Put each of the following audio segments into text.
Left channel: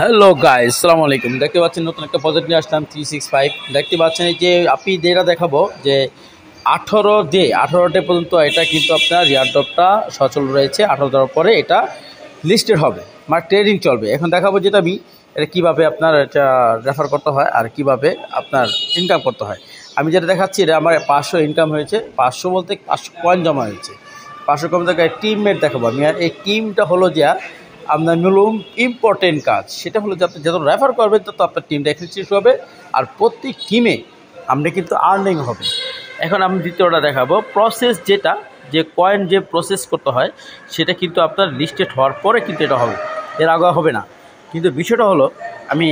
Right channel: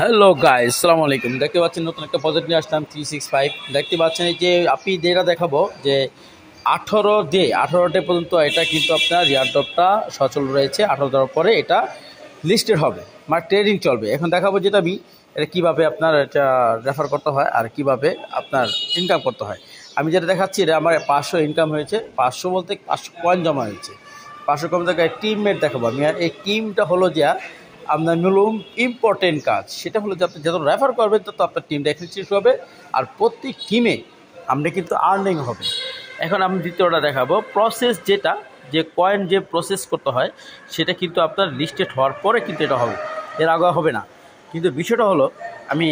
Hello guys, আসসালামু আলাইকুম। দেখতে পাচ্ছেন নতুন একটা প্রজেক্ট নিয়ে আসলাম 365। দেখতে পাচ্ছেন এই যে আপনি যেটা দেখাবো যে 18 ডে পর্যন্ত এটা কিন্তু আপনার এয়ারড্রপটা সচল রয়েছে। 18 দেওয়ার পরে এটা লিস্টেড হবে, মানে ট্রেডিং চলবে। এখন দেখাবো যেটা আমি এটা কীভাবে আপনার এটা রেফার করতে হয় আর কিভাবে আপনার ইনকাম করতে হয়। আমি যেটা দেখাচ্ছি এটা আমার 500 ইনকাম হয়েছে। 500 বলতে 500 কয়েন জমা হয়েছে। 500 কয়েন থেকে টিমমেট দেখাবো আমি। আর এই টিমটা হলো যে আপনার মূলম ইম্পর্টেন্ট কাজ, সেটা হলো যে আপনি যত রেফার করবেন তত আপনার টিমটা এক্সিস্ট হবে আর প্রত্যেক টিমে আমরা কিন্তু আর্নিং হবে। এখন আমি দ্বিতীয়টা দেখাবো প্রসেস, যেটা যে কয়েন যে প্রসেস করতে হয় সেটা কিন্তু আপনার লিস্টেড হওয়ার পরে কিন্তু এটা হবে, এর আগে হবে না। কিন্তু বিষয়টা হলো আমি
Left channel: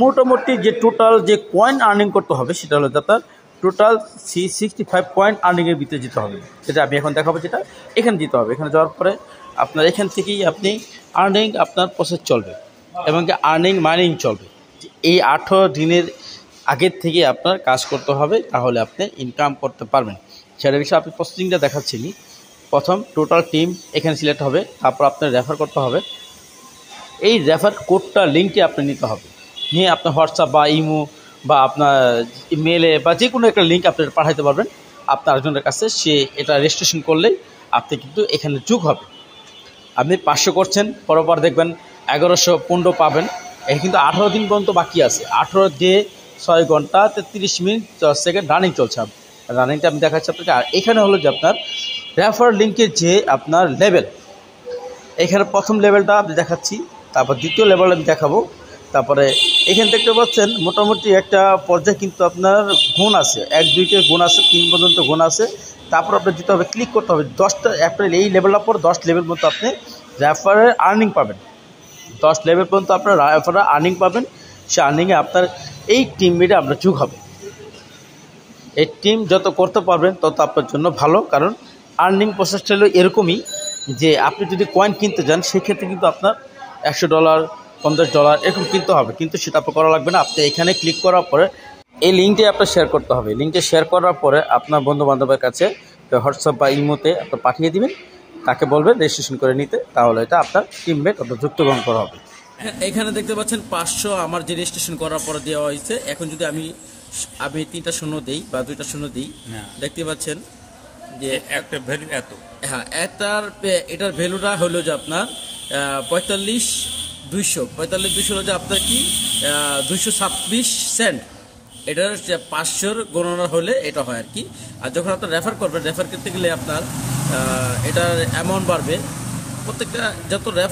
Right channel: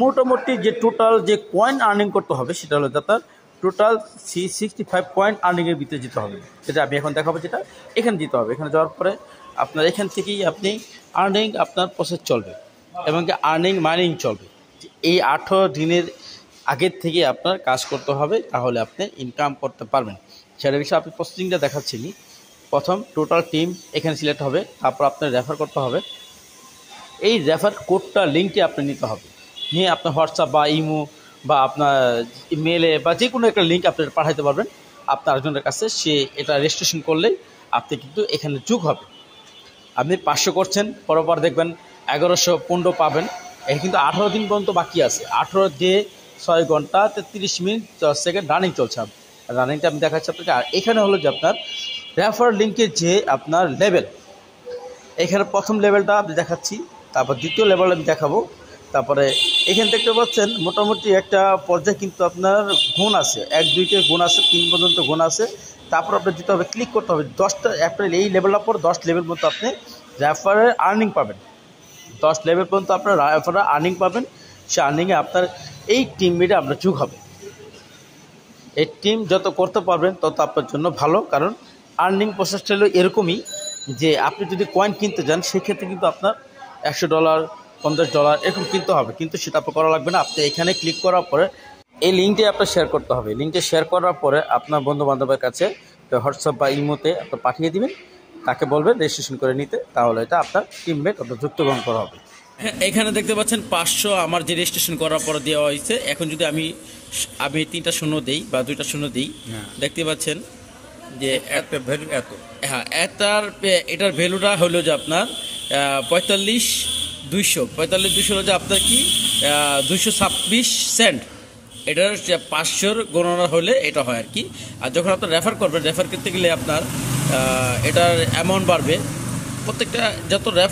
মোটামুটি যে টোটাল যে কয়েন আর্নিং করতে হবে সেটা হলো আপনার টোটাল 65 কয়েন আর্নিংয়ের ভিতরে যেতে হবে। সেটা আমি এখন দেখাবো, যেটা এখানে দিতে হবে। এখানে যাওয়ার পরে আপনার এখান থেকেই আপনি আর্নিং আপনার প্রসেস চলবে এবং কি আর্নিং মাইনিং চলবে। এই 18 দিনের আগের থেকে আপনার কাজ করতে হবে, তাহলে আপনি ইনকাম করতে পারবেন। সেটা বিষয়ে আপনি প্রসেসিংটা দেখাচ্ছেন। প্রথম টোটাল টিম এখানে সিলেক্ট হবে, তারপর আপনার রেফার করতে হবে। এই রেফার কোডটা লিঙ্কটি আপনি নিতে হবে, নিয়ে আপনার হোয়াটসঅ্যাপ বা ইমো বা আপনার মেলে বা যে কোনো একটা লিঙ্ক আপনি পাঠাতে পারবেন আপনার একজনের কাছে। সে এটা রেজিস্ট্রেশন করলেই আপনি কিন্তু এখানে যোগ হবে। আপনি 500 করছেন, পরপর দেখবেন 1115 পাবেন। এই কিন্তু 18 দিন পর্যন্ত বাকি আছে। 18 ডে 6 ঘন্টা 33 মিনিট 10 সেকেন্ড রানিং চলছে। রানিংটা আমি দেখাচ্ছি আপনাকে। আর এখানে হলো যে আপনার রেফার লিঙ্কের যে আপনার লেভেল, এখানে প্রথম লেভেলটা আমি দেখাচ্ছি, তারপর দ্বিতীয় লেভেল আমি দেখাবো। তারপরে এখানে দেখতে পাচ্ছেন মোটামুটি একটা পর্যায়ে কিন্তু আপনার গুণ আছে, 1 2 গুণ আছে, 3 পর্যন্ত গুণ আছে। তারপর আপনার দিতে হবে, ক্লিক করতে হবে 10টা অ্যাপ্রিল। এই লেভেলের পর 10 লেভেল পর্যন্ত আপনি রেফারের আর্নিং পাবেন। 10 লেভেল পর্যন্ত আপনার রেফারের আর্নিং পাবেন। সে আর্নিংয়ে আপনার এই টিমমেটে আপনার যোগ হবে। এই টিম যত করতে পারবেন তত আপনার জন্য ভালো, কারণ আর্নিং প্রসেসটা হলো এরকমই যে আপনি যদি কয়েন কিনতে যান সেক্ষেত্রে কিন্তু আপনার $100 $50 এরকম কিনতে হবে, কিন্তু সেটা আপনার করা লাগবে না। আপনি এখানে ক্লিক করার পরে এই লিঙ্কটি আপনার শেয়ার করতে হবে। লিঙ্কটি শেয়ার করার পরে আপনার বন্ধুবান্ধবের কাছে হোয়াটসঅ্যাপ বা ইমোতে আপনি পাঠিয়ে দিবেন, তাকে বলবেন রেজিস্ট্রেশন করে নিতে, তাহলে এটা আপনার টিমমেট আপনার যুক্তগ্রহণ করা হবে। এখানে দেখতে পাচ্ছেন 500 আমার যে রেজিস্ট্রেশন করার পরে দেওয়া হয়েছে। এখন যদি আমি 3টা শূন্য দেই বা 2টা শূন্য দিই, দেখতে পাচ্ছেন যে একটা ভ্যালু এত। হ্যাঁ, এটার ভ্যালুটা হলো যে আপনার 45,200 হলো যে আপনার কি 226 সেন্ট। এটার 500 গণনা হলে এটা হয় আর কি। আর যখন আপনার রেফার করবেন, রেফার করতে গেলে আপনার এটার অ্যামাউন্ট বাড়বে। প্রত্যেকটা যত রেফার